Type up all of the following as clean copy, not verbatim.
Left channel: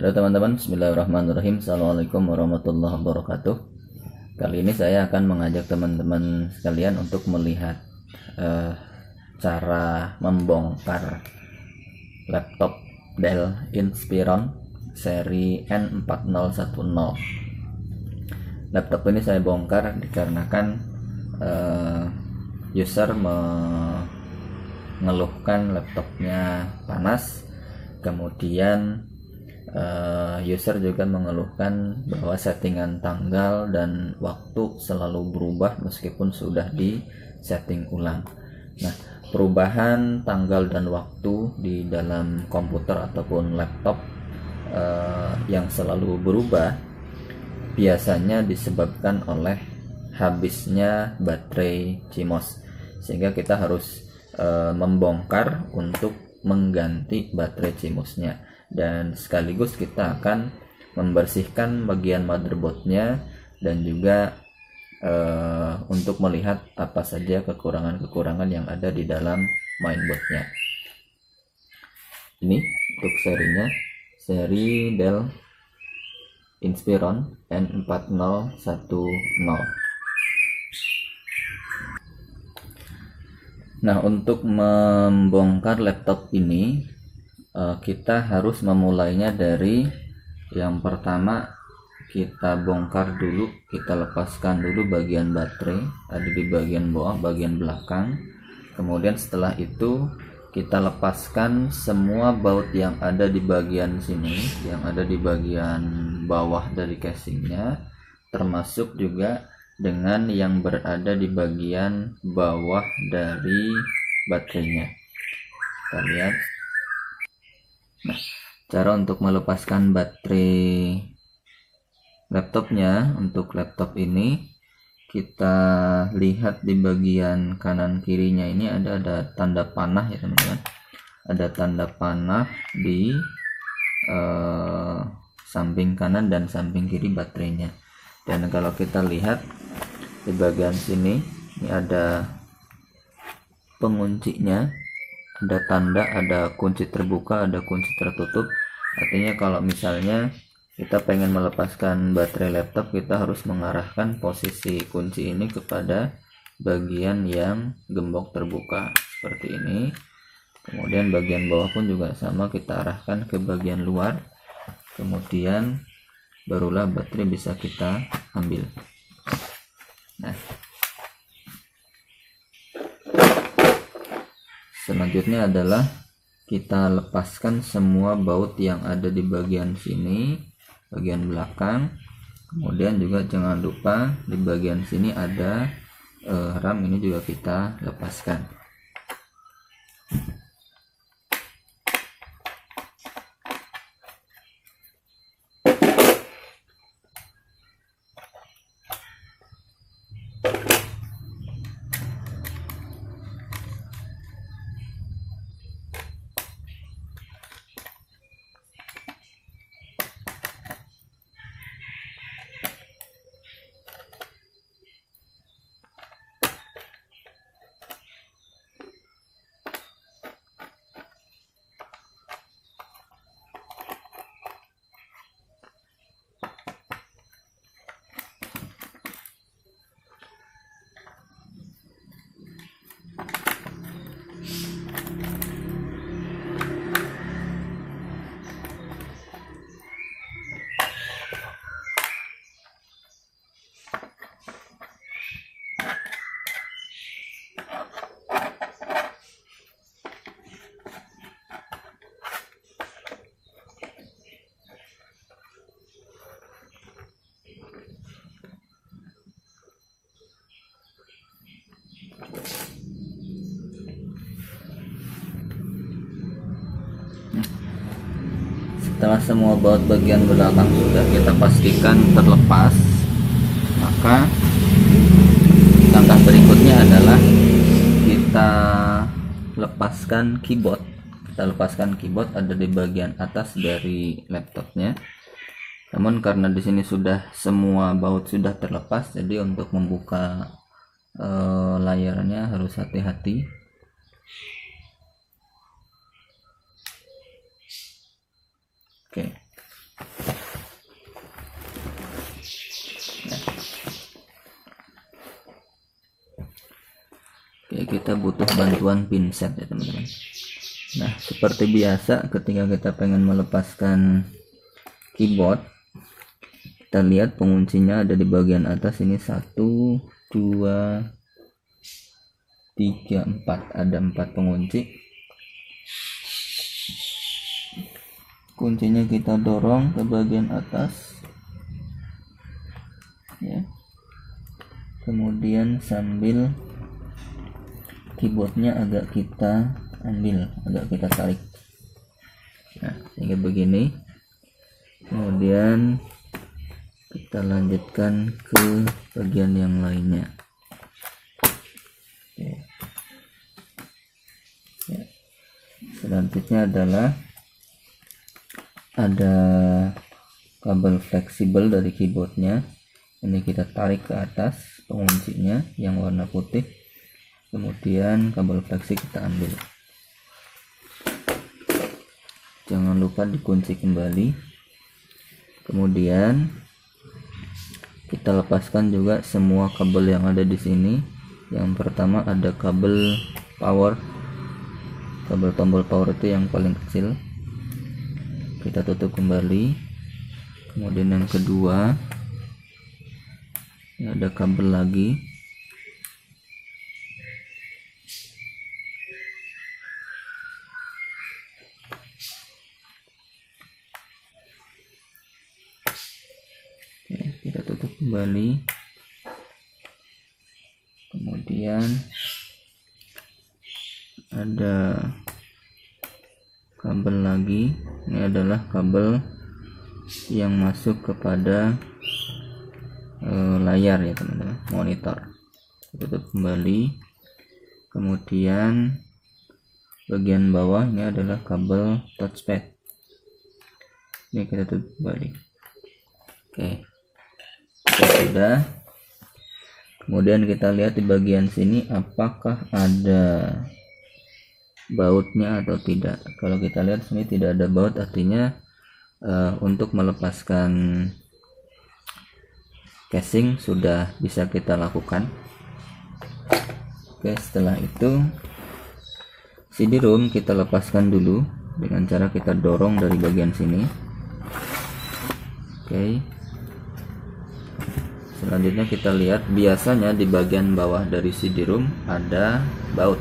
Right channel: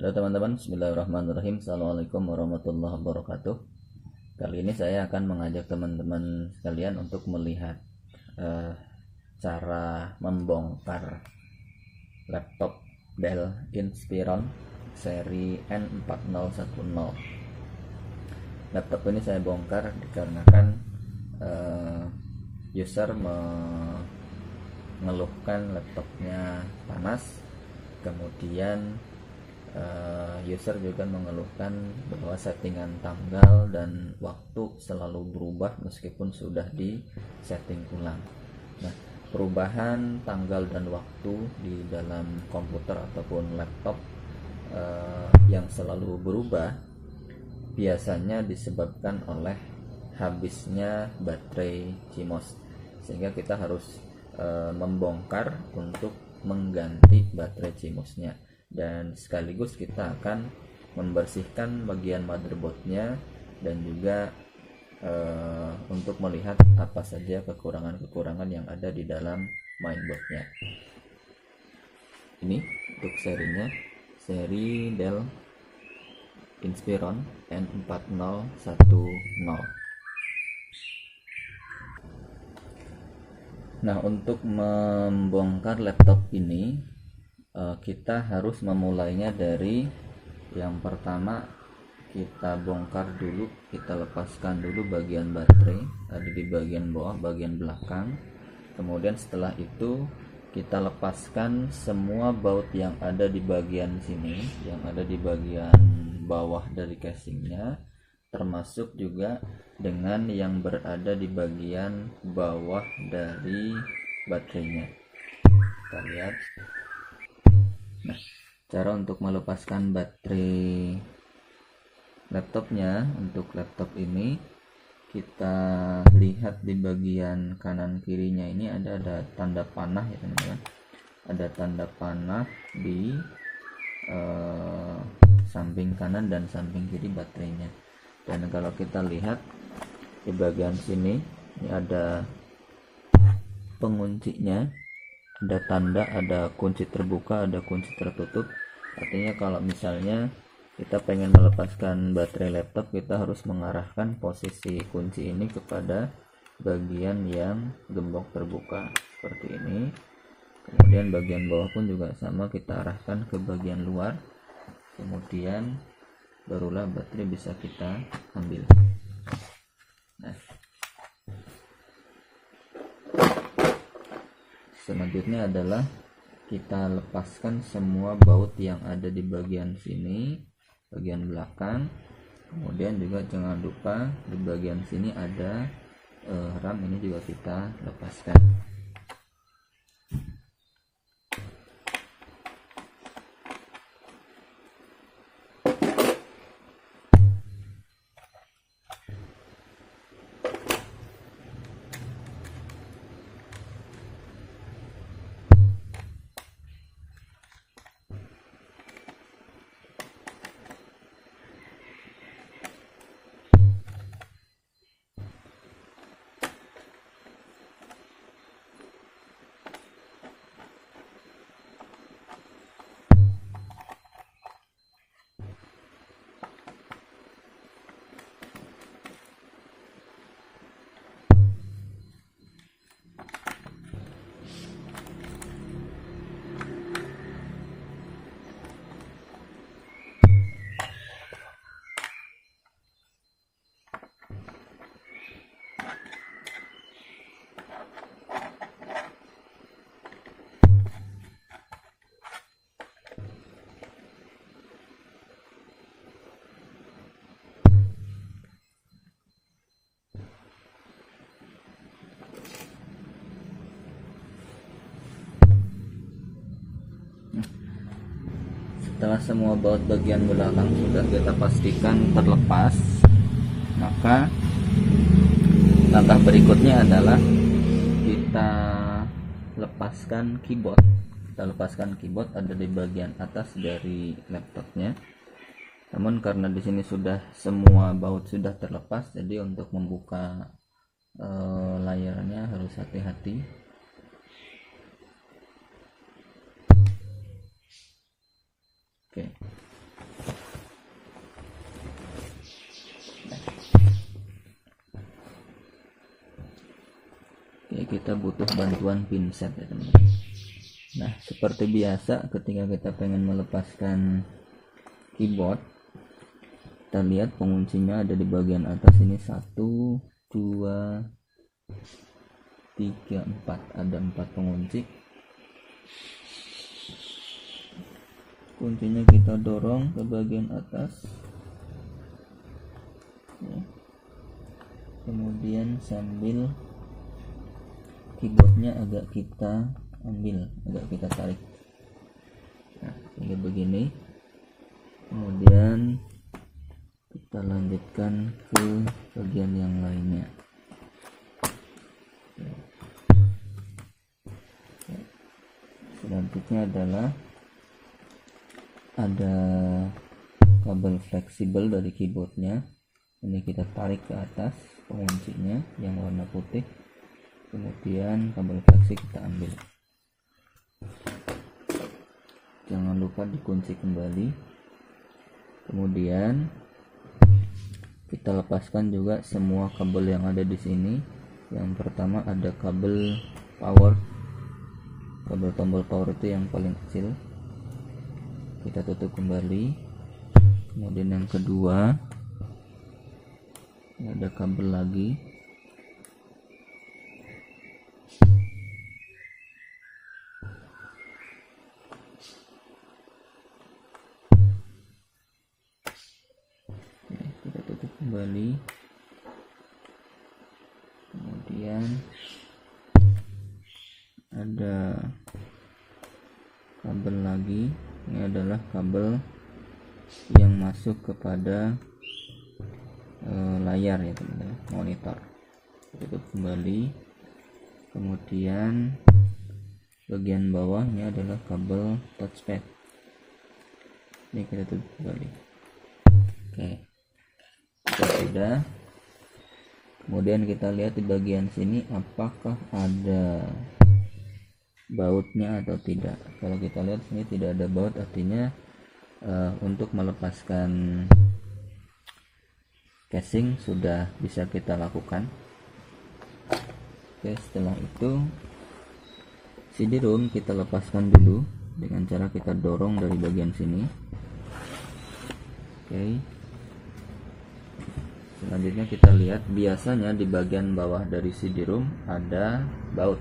Halo teman-teman, bismillahirrahmanirrahim. Assalamualaikum warahmatullahi wabarakatuh. Kali ini saya akan mengajak teman-teman sekalian untuk melihat cara membongkar laptop Dell Inspiron seri N4010. Laptop ini saya bongkar dikarenakan user mengeluhkan laptopnya panas. Kemudian user juga mengeluhkan bahwa settingan tanggal dan waktu selalu berubah meskipun sudah di setting ulang. Nah, perubahan tanggal dan waktu di dalam komputer ataupun laptop yang selalu berubah biasanya disebabkan oleh habisnya baterai CMOS, sehingga kita harus membongkar untuk mengganti baterai CMOS-nya, dan sekaligus kita akan membersihkan bagian motherboardnya dan juga untuk melihat apa saja kekurangan-kekurangan yang ada di dalam mainboardnya. Ini untuk serinya, seri Dell Inspiron N4010. Nah, untuk membongkar laptop ini kita harus memulainya dari yang pertama. Kita bongkar dulu, kita lepaskan dulu bagian baterai ada di bagian bawah, bagian belakang. Kemudian setelah itu kita lepaskan semua baut yang ada di bagian sini, yang ada di bagian bawah dari casingnya, termasuk juga dengan yang berada di bagian bawah dari baterainya. Kita lihat. Nah, cara untuk melepaskan baterai laptopnya untuk laptop ini, kita lihat di bagian kanan kirinya ini ada tanda panah ya teman-teman. Ada tanda panah di samping kanan dan samping kiri baterainya. Dan kalau kita lihat di bagian sini, ini ada penguncinya, ada tanda, ada kunci terbuka, ada kunci tertutup. Artinya kalau misalnya kita pengen melepaskan baterai laptop, kita harus mengarahkan posisi kunci ini kepada bagian yang gembok terbuka seperti ini. Kemudian bagian bawah pun juga sama, kita arahkan ke bagian luar. Kemudian barulah baterai bisa kita ambil. Nah, selanjutnya adalah kita lepaskan semua baut yang ada di bagian sini, bagian belakang. Kemudian juga jangan lupa di bagian sini ada RAM, ini juga kita lepaskan. Setelah semua baut bagian belakang sudah kita pastikan terlepas, maka langkah berikutnya adalah kita lepaskan keyboard. Kita lepaskan keyboard ada di bagian atas dari laptopnya. Namun karena di sini sudah semua baut sudah terlepas, jadi untuk membuka layarnya harus hati-hati. Oke. kita butuh bantuan pinset ya teman-teman. Nah, seperti biasa ketika kita pengen melepaskan keyboard, kita lihat penguncinya ada di bagian atas ini. 1, 2, 3, 4. Ada 4 pengunci. Kuncinya kita dorong ke bagian atas ya. Kemudian sambil keyboardnya agak kita ambil, agak kita tarik. Nah, sehingga begini. Kemudian kita lanjutkan ke bagian yang lainnya. Oke. Ya. Selanjutnya adalah ada kabel fleksibel dari keyboardnya. Ini kita tarik ke atas penguncinya yang warna putih, kemudian kabel fleksi kita ambil. Jangan lupa dikunci kembali. Kemudian kita lepaskan juga semua kabel yang ada di sini. Yang pertama ada kabel power, kabel tombol power itu yang paling kecil, kita tutup kembali. Kemudian yang kedua, ini ada kabel lagi, ya, kita tutup kembali. Kemudian ada kabel lagi, ini adalah kabel yang masuk kepada layar ya teman-teman, monitor. Tutup kembali. Kemudian bagian bawah ini adalah kabel touchpad, ini kita tutup kembali. Oke, sudah. Kemudian kita lihat di bagian sini apakah ada bautnya atau tidak. Kalau kita lihat sini tidak ada baut, artinya untuk melepaskan casing sudah bisa kita lakukan. Oke, setelah itu CD-ROM kita lepaskan dulu dengan cara kita dorong dari bagian sini. Oke, selanjutnya kita lihat biasanya di bagian bawah dari CD-ROM ada baut.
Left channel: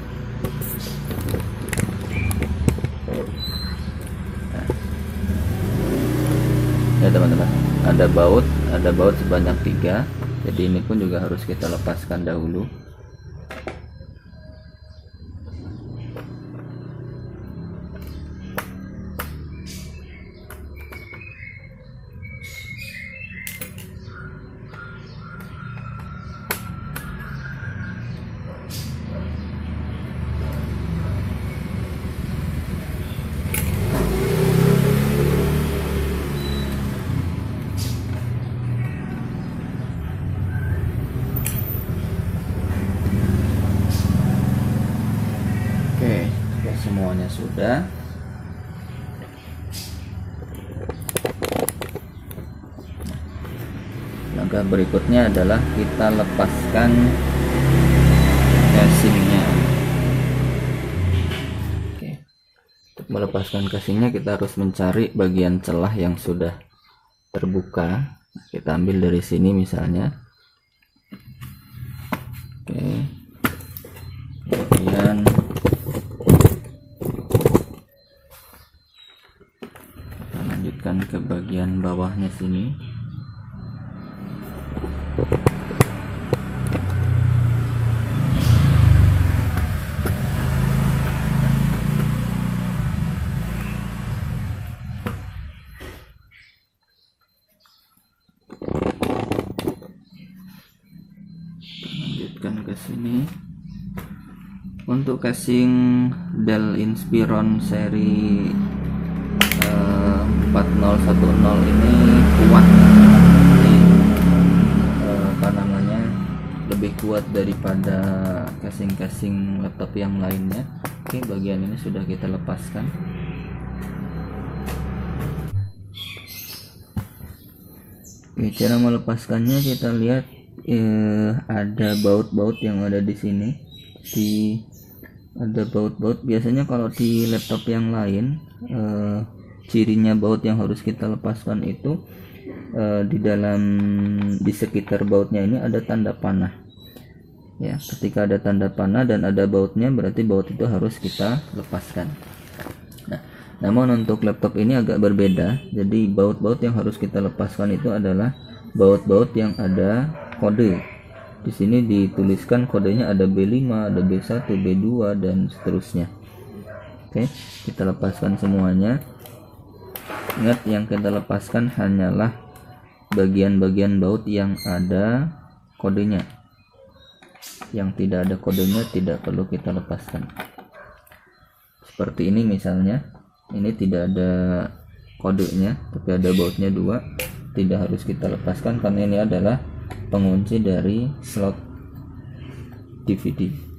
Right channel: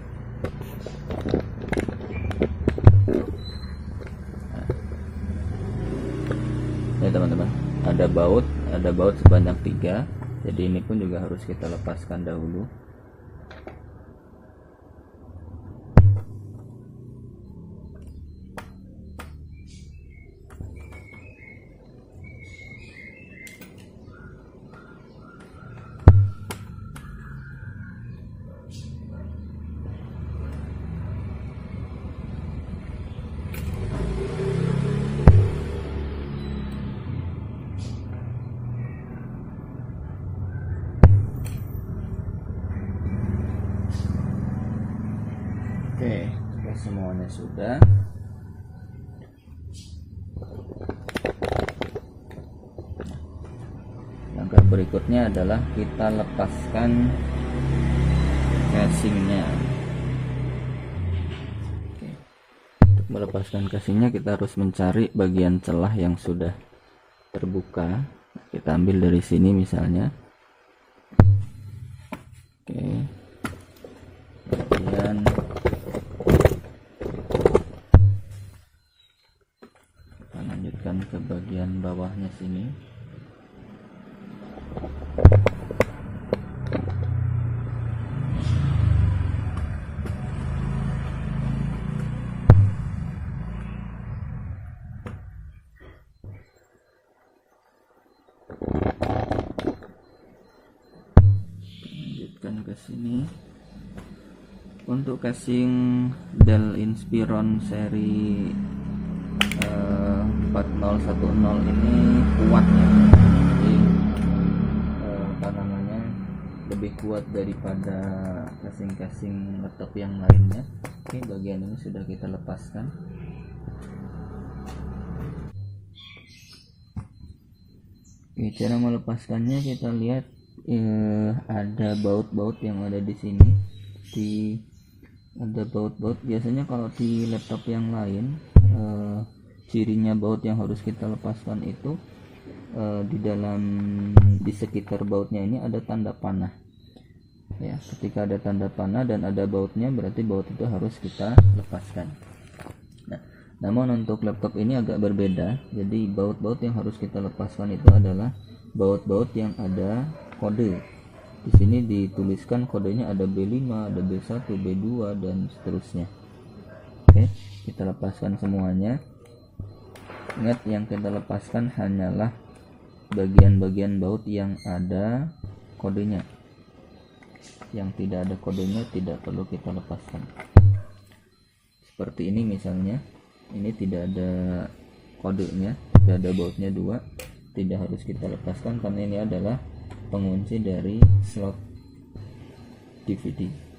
Ya teman-teman, ada baut sebanyak 3, jadi ini pun juga harus kita lepaskan dahulu. Oke, semuanya sudah. Langkah berikutnya adalah kita lepaskan casingnya. Oke. Untuk melepaskan casingnya kita harus mencari bagian celah yang sudah terbuka. Kita ambil dari sini misalnya. Oke. Kemudian lanjutkan ke bagian bawahnya sini. Lanjutkan ke sini. Untuk casing Dell Inspiron seri 4010 ini kuat, ini apa namanya, lebih kuat daripada casing-casing laptop yang lainnya. Oke, bagian ini sudah kita lepaskan. Oke, cara melepaskannya kita lihat ada baut-baut yang ada di sini. di ada baut-baut. Biasanya kalau di laptop yang lain cirinya baut yang harus kita lepaskan itu di sekitar bautnya ini ada tanda panah ya. Ketika ada tanda panah dan ada bautnya, berarti baut itu harus kita lepaskan. Nah, namun untuk laptop ini agak berbeda. Jadi baut-baut yang harus kita lepaskan itu adalah baut-baut yang ada kode. Di sini dituliskan kodenya ada B5, ada B1, B2 dan seterusnya. Oke, kita lepaskan semuanya. Ingat, yang kita lepaskan hanyalah bagian-bagian baut yang ada kodenya. Yang tidak ada kodenya tidak perlu kita lepaskan. Seperti ini misalnya, ini tidak ada kodenya, tapi ada bautnya 2, tidak harus kita lepaskan karena ini adalah pengunci dari slot DVD.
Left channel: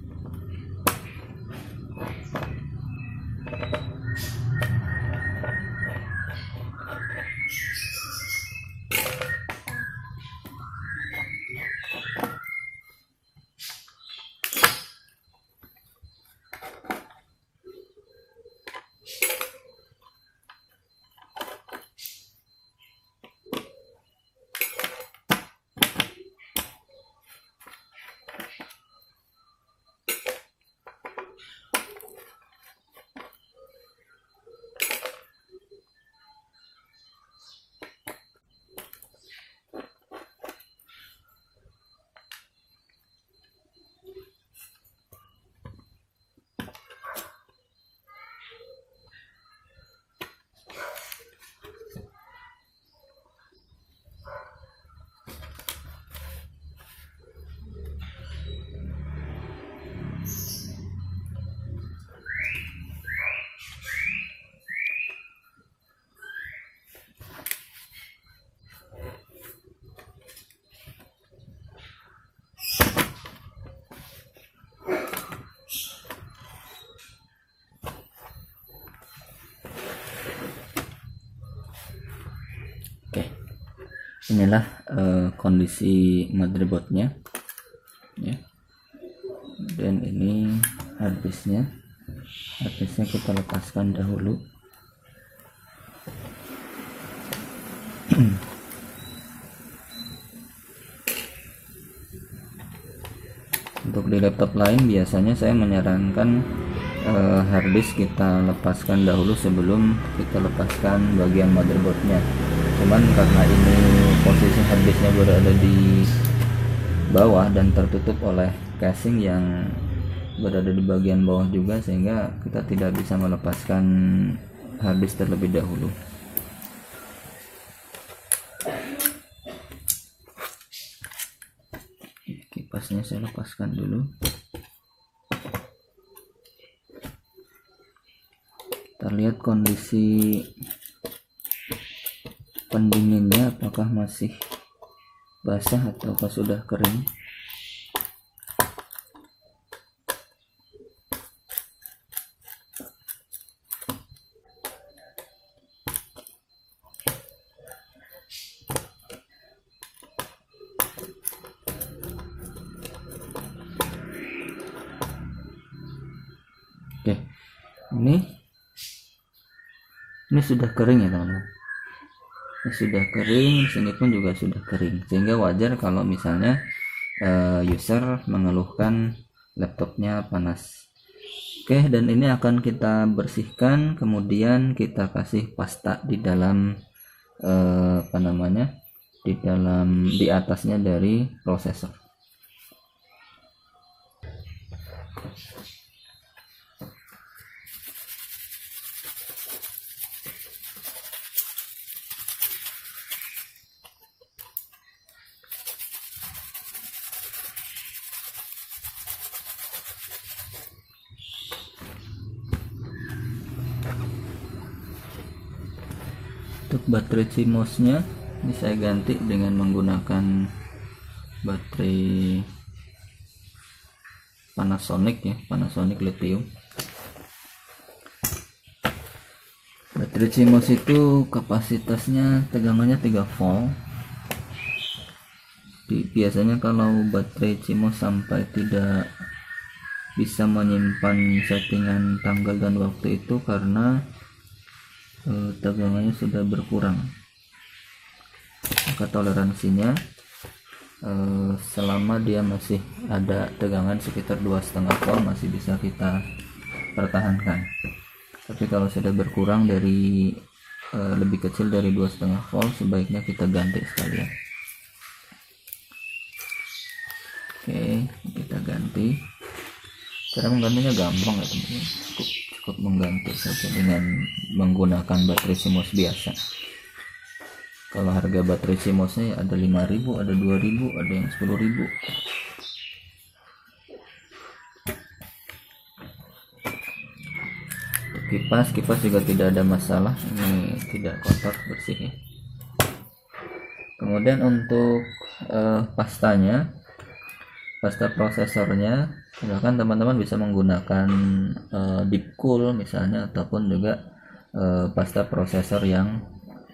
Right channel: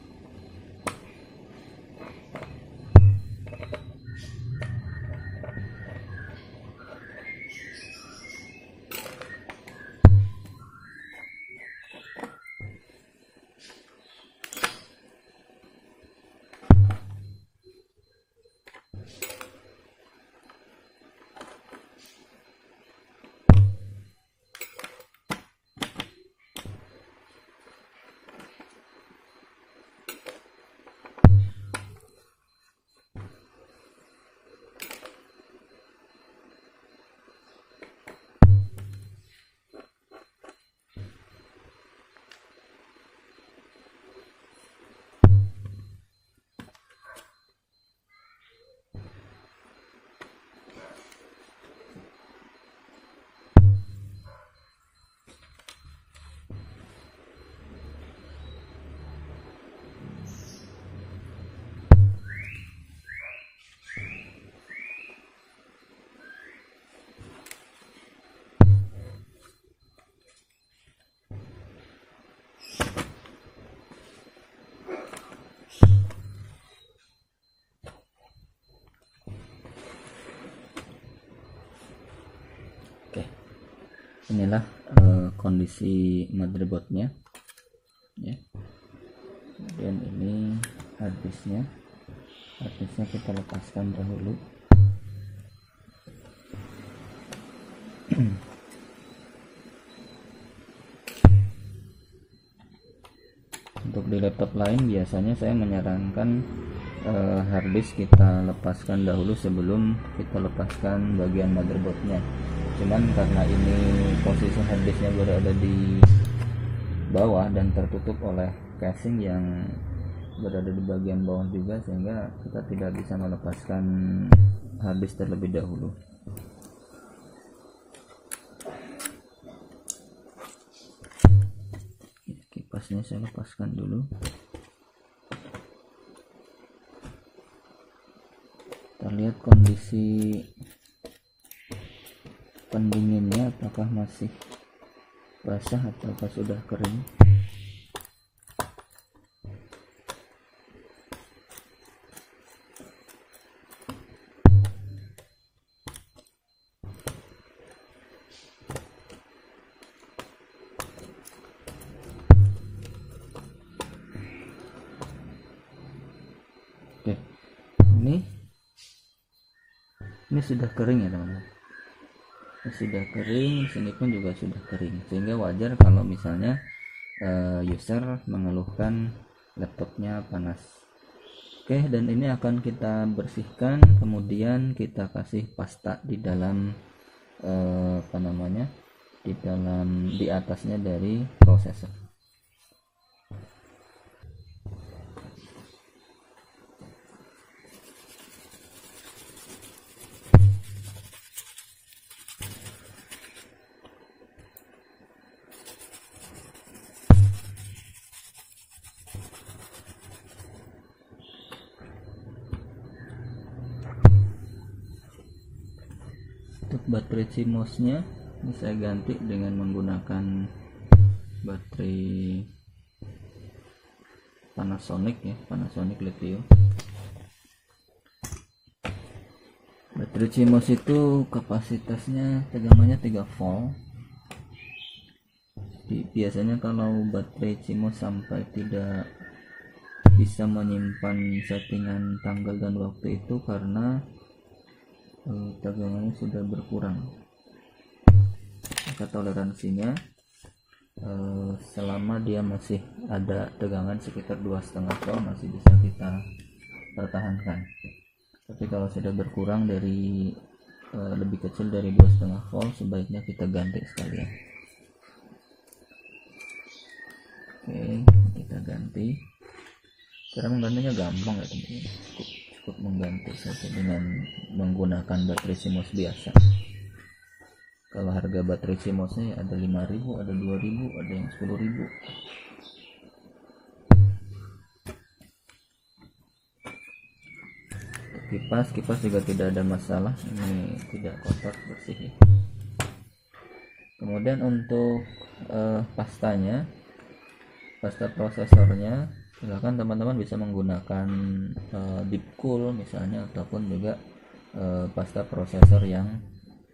Inilah kondisi motherboardnya ya. Dan ini harddisknya kita lepaskan dahulu. Untuk di laptop lain biasanya saya menyarankan harddisk kita lepaskan dahulu sebelum kita lepaskan bagian motherboardnya. Cuman karena ini posisi harddisknya berada di bawah dan tertutup oleh casing yang berada di bagian bawah juga, sehingga kita tidak bisa melepaskan harddisk terlebih dahulu. Kipasnya saya lepaskan dulu. Kita lihat kondisi pendinginnya, apakah masih basah ataukah sudah kering. Oke, ini sudah kering ya teman-teman. Sudah kering, sini pun juga sudah kering, sehingga wajar kalau misalnya user mengeluhkan laptopnya panas. Oke, dan ini akan kita bersihkan, kemudian kita kasih pasta di dalam di atasnya dari prosesor. Untuk baterai CMOS-nya ini saya ganti dengan menggunakan baterai Panasonic ya, Panasonic lithium. Baterai CMOS itu kapasitasnya tegangannya 3 volt. Biasanya kalau baterai CMOS sampai tidak bisa menyimpan settingan tanggal dan waktu itu karena tegangannya sudah berkurang. Maka toleransinya selama dia masih ada tegangan sekitar 2,5 volt masih bisa kita pertahankan. Tapi kalau sudah berkurang dari lebih kecil dari 2,5 volt, sebaiknya kita ganti sekalian. Oke, kita ganti. Cara menggantinya gampang ya teman-teman, cukup mengganti saja dengan menggunakan baterai CMOS biasa. Kalau harga baterai CMOS-nya ada 5.000, ada 2.000, ada yang 10.000. Kipas juga tidak ada masalah, ini tidak kotor, bersih ya. Kemudian untuk pasta prosesornya, misalkan teman-teman bisa menggunakan Deepcool misalnya, ataupun juga pasta prosesor yang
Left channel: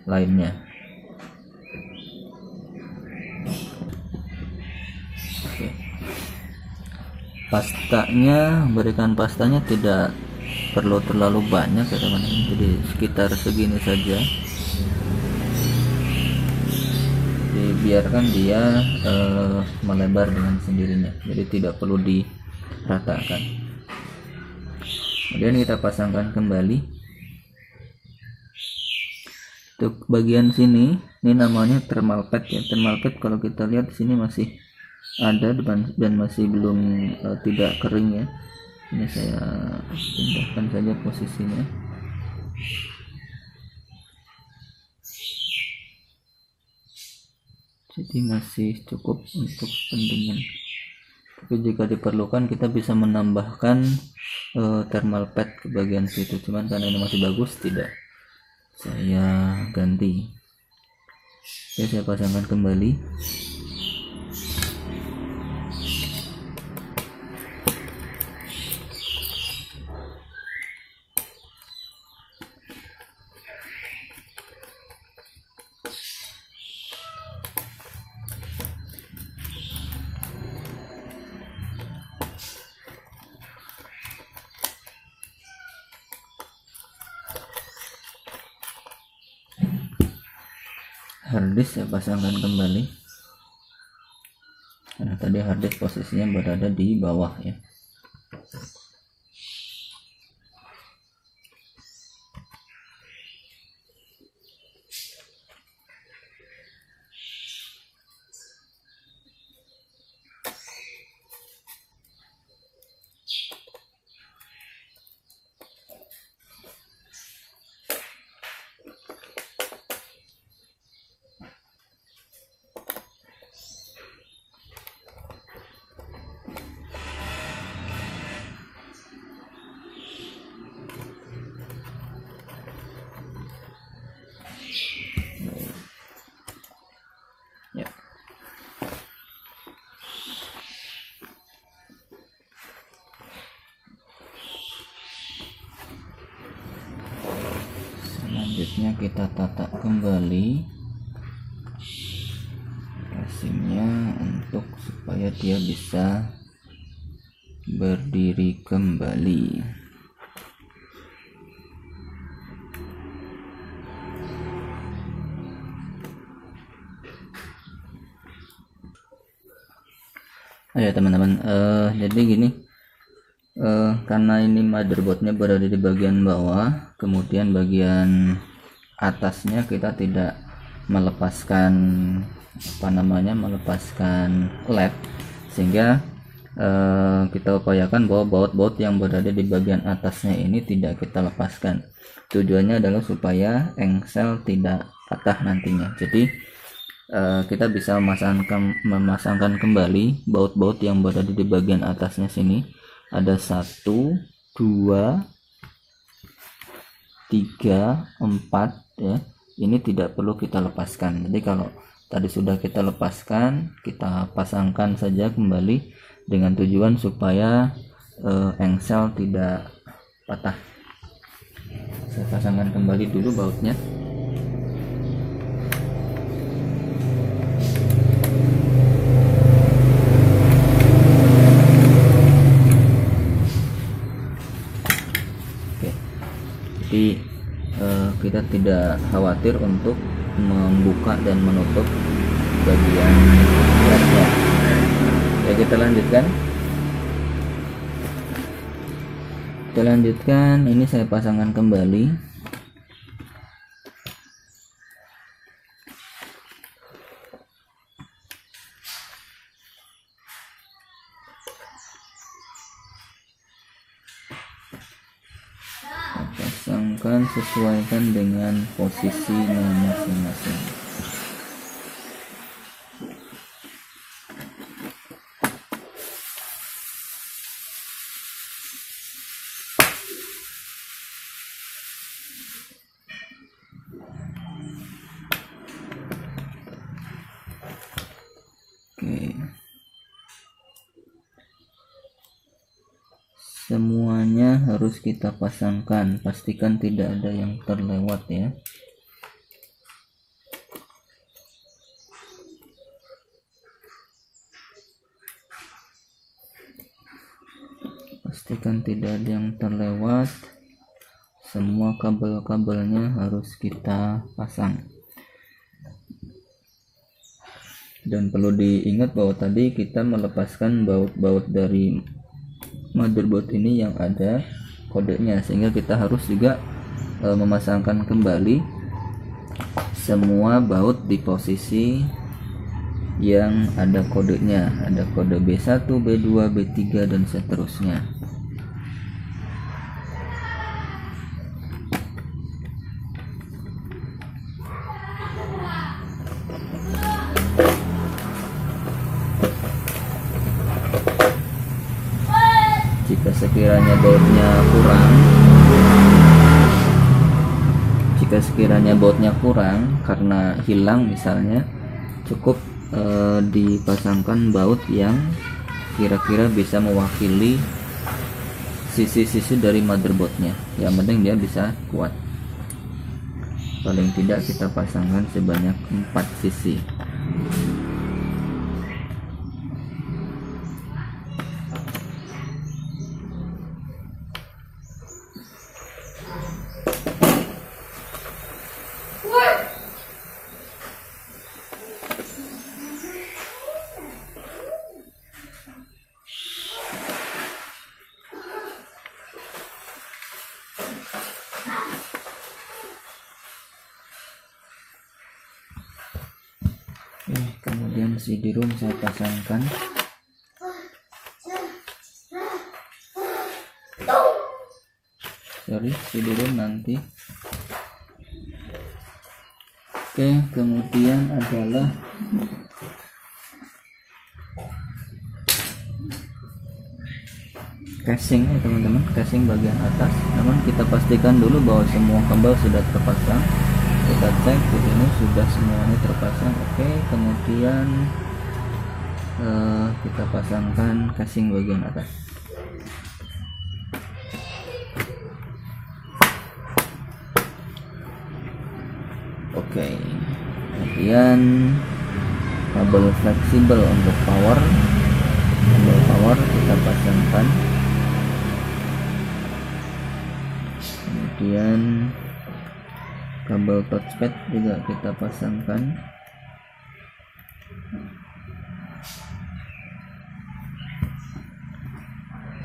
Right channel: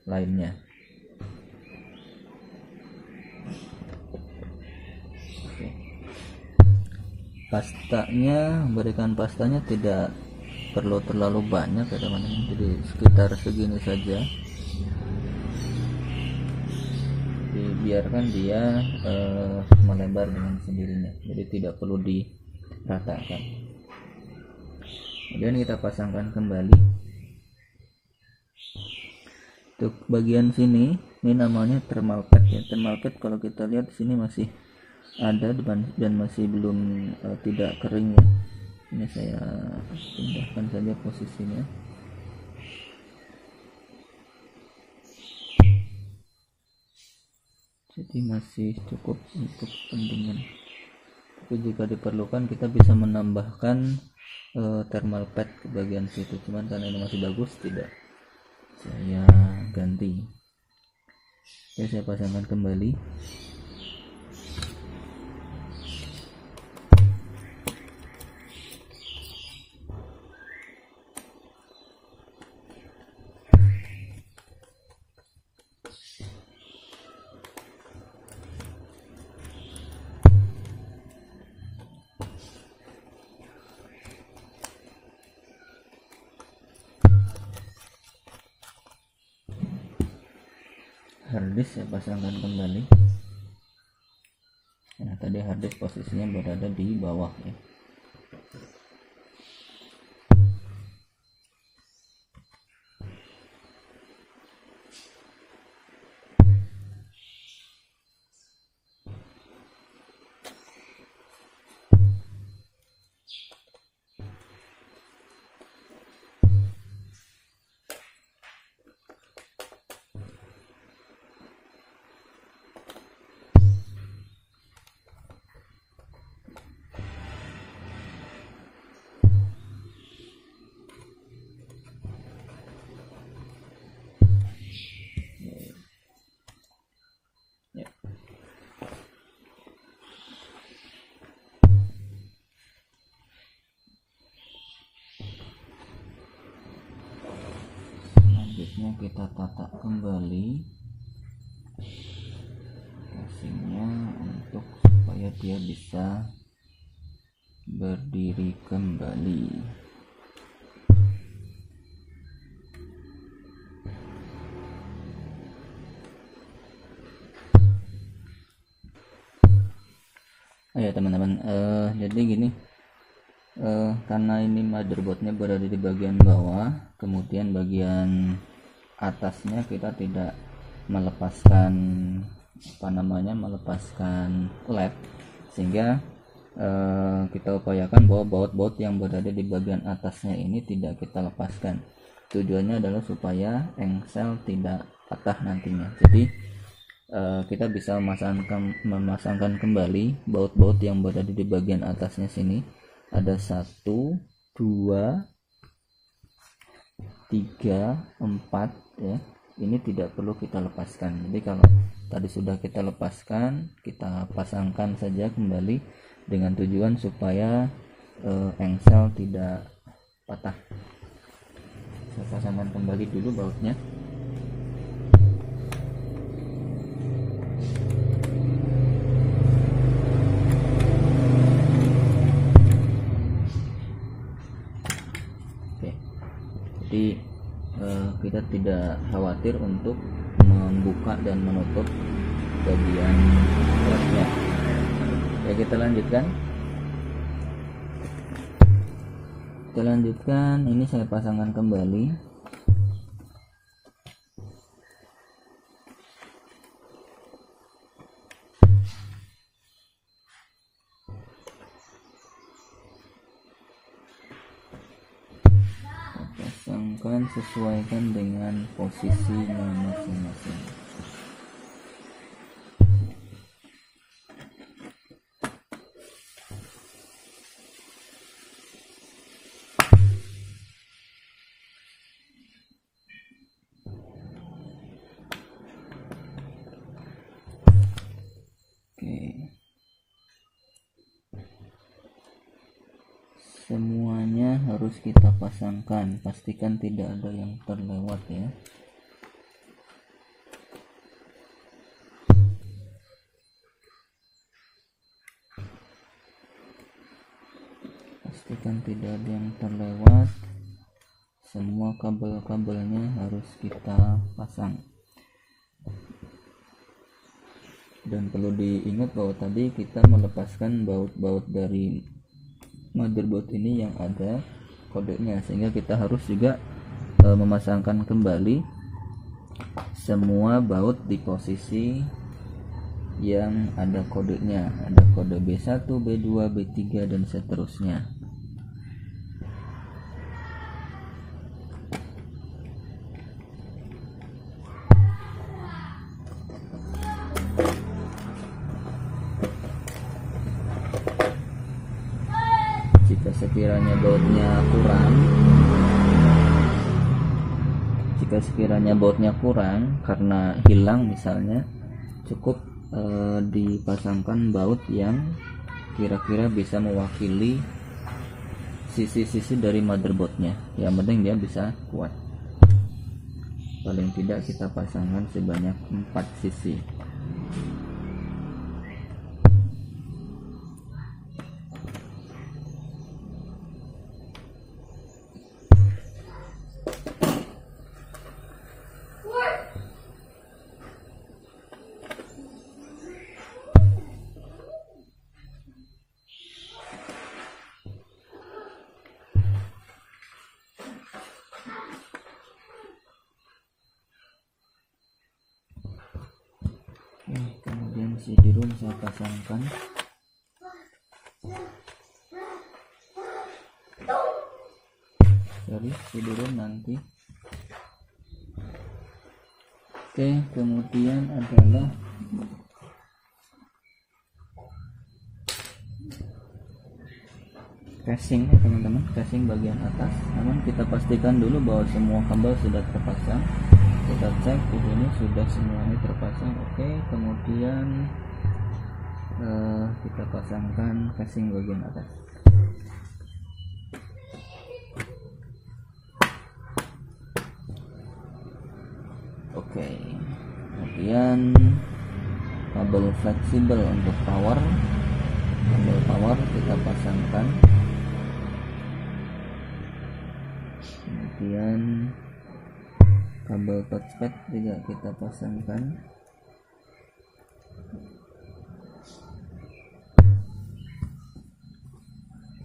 lainnya. Oke. Berikan pastanya tidak perlu terlalu banyak ya teman-teman, jadi sekitar segini saja. Dibiarkan dia melebar dengan sendirinya, jadi tidak perlu diratakan. Kemudian kita pasangkan kembali. Untuk bagian sini, ini namanya thermal pad ya. Thermal pad kalau kita lihat di sini masih ada dan masih belum tidak kering ya. Ini saya pindahkan saja posisinya. Jadi masih cukup untuk pendingin. Tapi jika diperlukan kita bisa menambahkan thermal pad ke bagian situ. Cuman karena ini masih bagus, tidak saya ganti. Oke, saya pasangkan kembali. Harddisk saya pasangkan kembali, karena tadi harddisk posisinya berada di bawah ya. Selanjutnya kita tata kembali casingnya untuk supaya dia bisa berdiri kembali. Ya teman-teman, jadi gini, karena ini motherboardnya berada di bagian bawah, kemudian bagian atasnya kita tidak melepaskan melepaskan led, sehingga kita upayakan bahwa baut-baut yang berada di bagian atasnya ini tidak kita lepaskan. Tujuannya adalah supaya engsel tidak patah nantinya. Jadi kita bisa memasangkan kembali baut-baut yang berada di bagian atasnya sini. Ada 1, 2, 3, 4 ya. Ini tidak perlu kita lepaskan. Jadi kalau tadi sudah kita lepaskan, kita pasangkan saja kembali dengan tujuan supaya engsel tidak patah. Saya pasangkan kembali dulu bautnya. tidak khawatir untuk membuka dan menutup bagian lednya. Oke, kita lanjutkan. Ini saya pasangkan kembali. Pasangkan, sesuaikan dengan posisinya masing-masing. Semuanya harus kita pasangkan, pastikan tidak ada yang terlewat ya. Pastikan tidak ada yang terlewat. Semua kabel-kabelnya harus kita pasang. Dan perlu diingat bahwa tadi kita melepaskan baut-baut dari motherboard ini yang ada kodenya, sehingga kita harus juga memasangkan kembali semua baut di posisi yang ada kodenya, ada kode B1, B2, B3 dan seterusnya. Jika sekiranya bautnya kurang karena hilang misalnya, cukup dipasangkan baut yang kira-kira bisa mewakili sisi-sisi dari motherboardnya. Yang penting dia bisa kuat. Paling tidak kita pasangkan sebanyak 4 sisi. Kemudian CD-ROM saya pasangkan. CD-ROM nanti. Oke, kemudian adalah casing ya teman-teman, casing bagian atas. Namun kita pastikan dulu bahwa semua kabel sudah terpasang. Kita cek di sini sudah semuanya terpasang. Oke, kemudian kita pasangkan casing bagian atas. Oke, kemudian kabel fleksibel untuk power, kabel power kita pasangkan. Kemudian kabel touchpad juga kita pasangkan.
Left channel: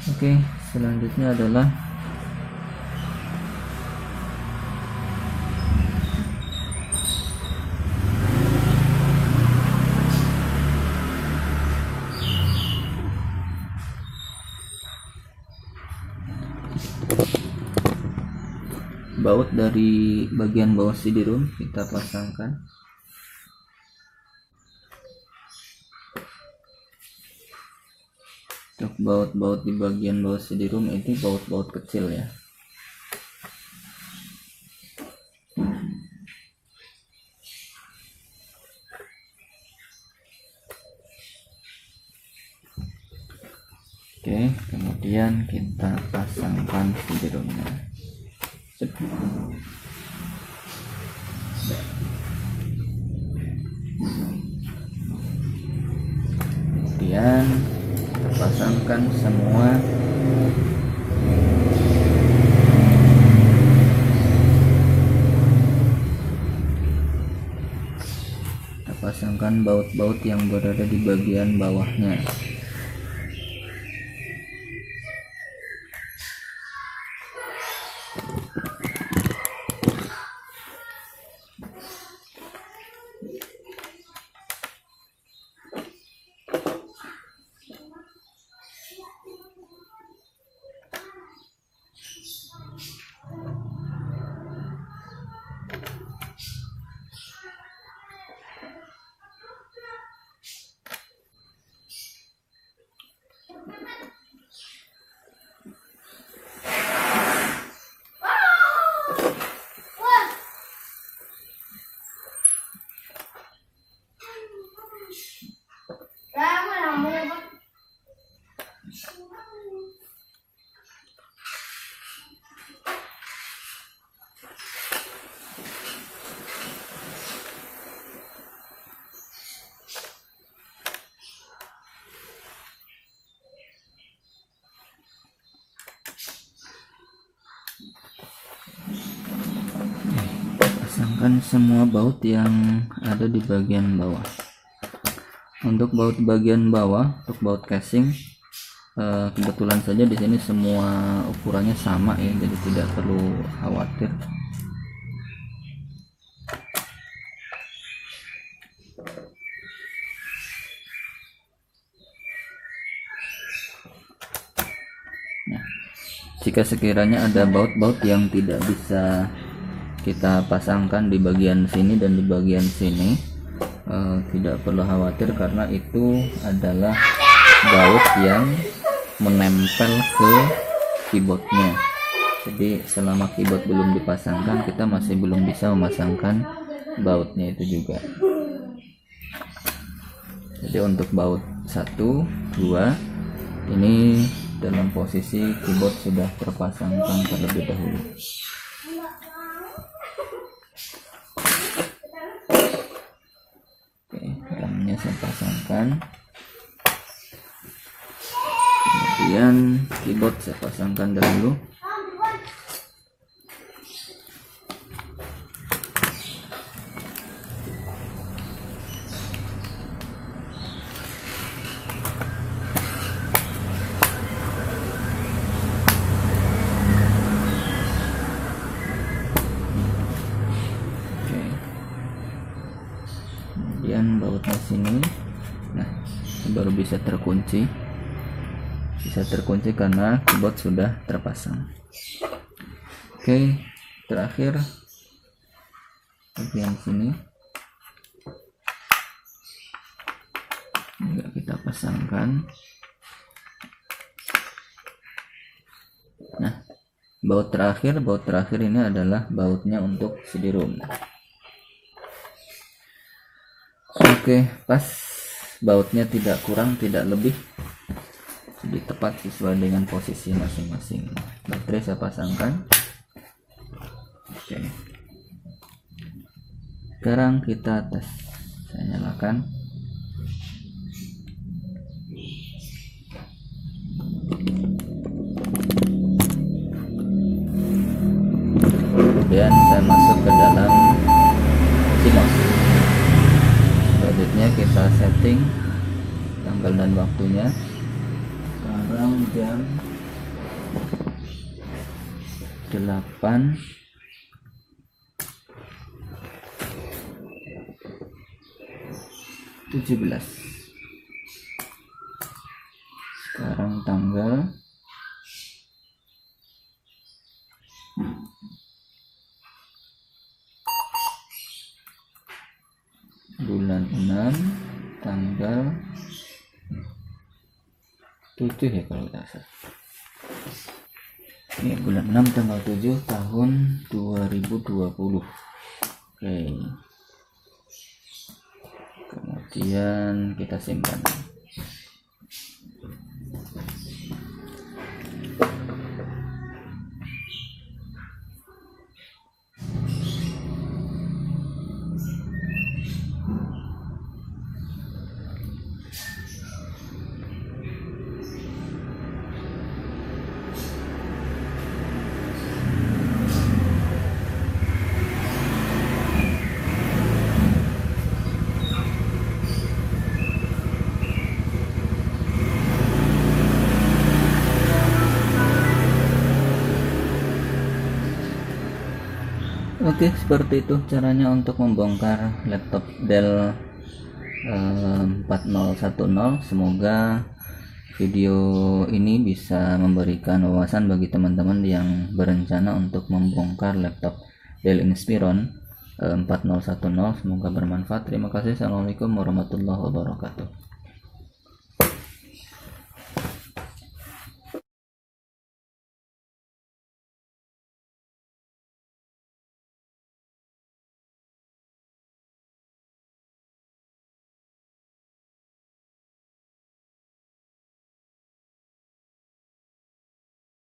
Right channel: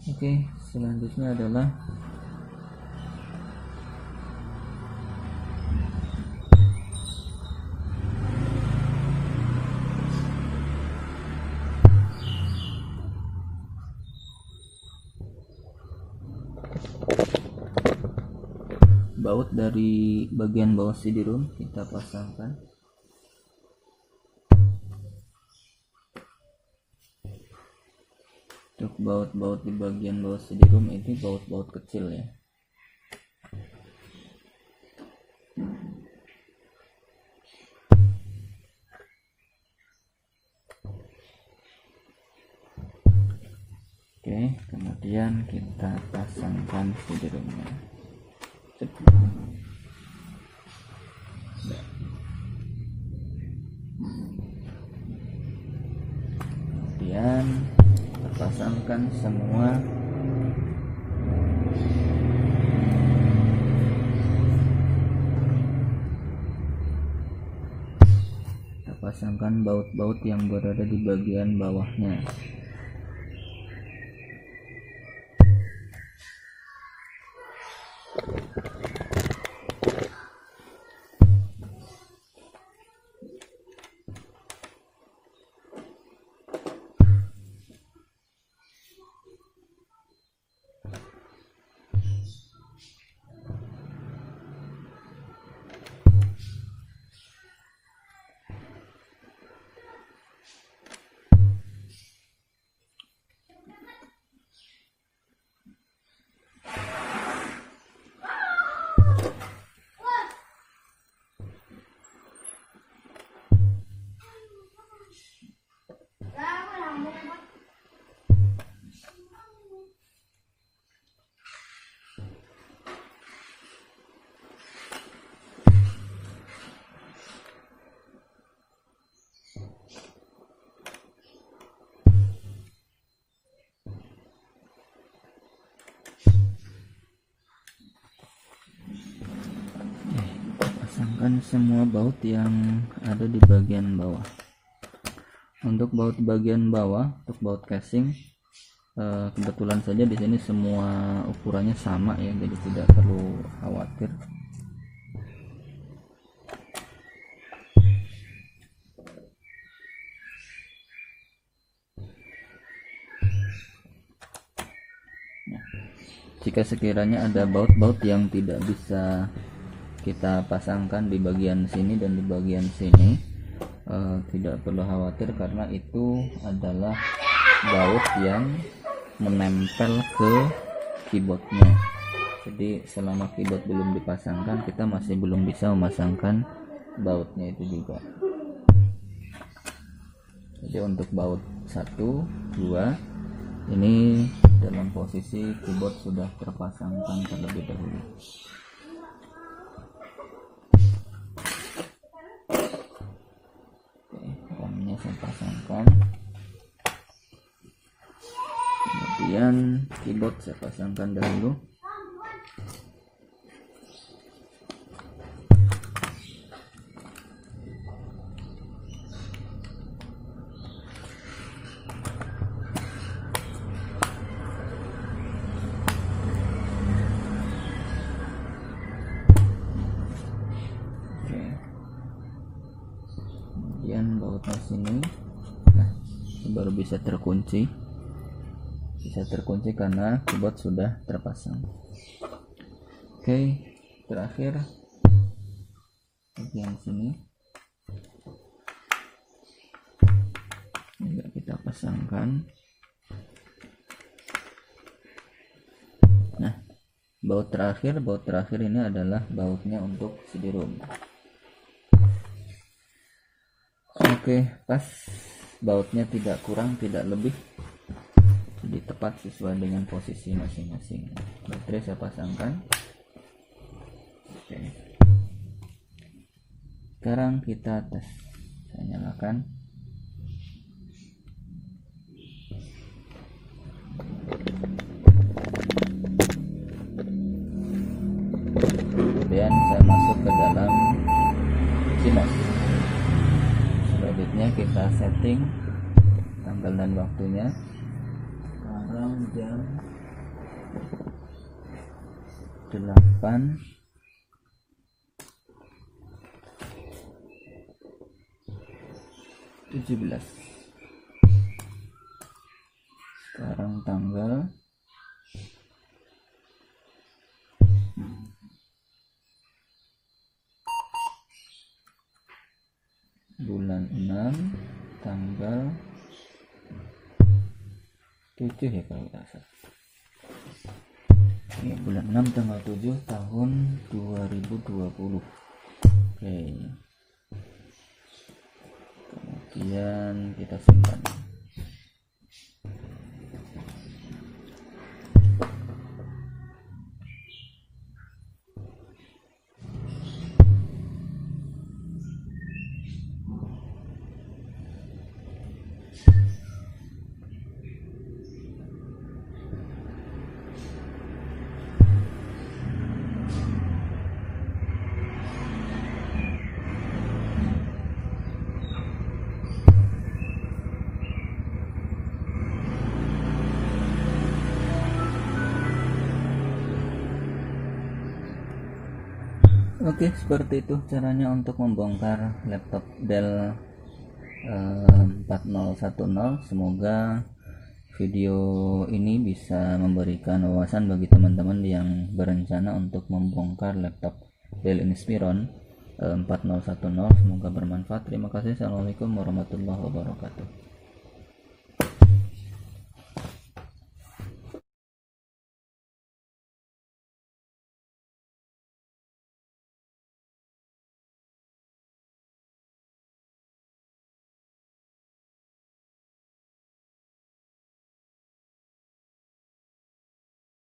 Oke, selanjutnya adalah baut dari bagian bawah CD-ROM kita pasangkan. Untuk baut-baut di bagian bawah CD-ROM ini baut-baut kecil ya. Oke, kemudian kita pasangkan CD-ROM-nya. Kemudian pasangkan semua pasangkan baut-baut yang berada di bagian bawahnya. Pasangkan semua baut yang ada di bagian bawah. Untuk baut bagian bawah, untuk baut casing, kebetulan saja di sini semua ukurannya sama ya, jadi tidak perlu khawatir. Nah, jika sekiranya ada baut-baut yang tidak bisa kita pasangkan di bagian sini dan di bagian sini, tidak perlu khawatir karena itu adalah baut yang menempel ke keyboardnya. Jadi selama keyboard belum dipasangkan, kita masih belum bisa memasangkan bautnya itu juga. Jadi untuk baut 1, 2 ini dalam posisi keyboard sudah terpasangkan terlebih dahulu. Saya pasangkan, kemudian keyboard saya pasangkan dahulu. Kemudian bautnya sini, nah baru bisa terkunci karena keyboard sudah terpasang. Oke, terakhir bagian sini enggak kita pasangkan. Nah, baut terakhir ini adalah bautnya untuk CD-ROM. Oke, pas, bautnya tidak kurang tidak lebih, jadi tepat sesuai dengan posisi masing-masing. Baterai saya pasangkan. Oke, sekarang kita tes. Saya nyalakan. Kemudian saya masuk ke dalam CMOS. Selanjutnya kita setting tanggal dan waktunya. Sekarang jam 8:17. Sekarang tanggal bulan 6 tanggal 7 ya kalau tidak salah. Ini bulan 6 tanggal 7 tahun 2020. Oke. Kemudian kita simpan. Oke, seperti itu caranya untuk membongkar laptop Dell 4010. Semoga video ini bisa memberikan wawasan bagi teman-teman yang berencana untuk membongkar laptop Dell Inspiron 4010. Semoga bermanfaat. Terima kasih. Assalamualaikum warahmatullahi wabarakatuh.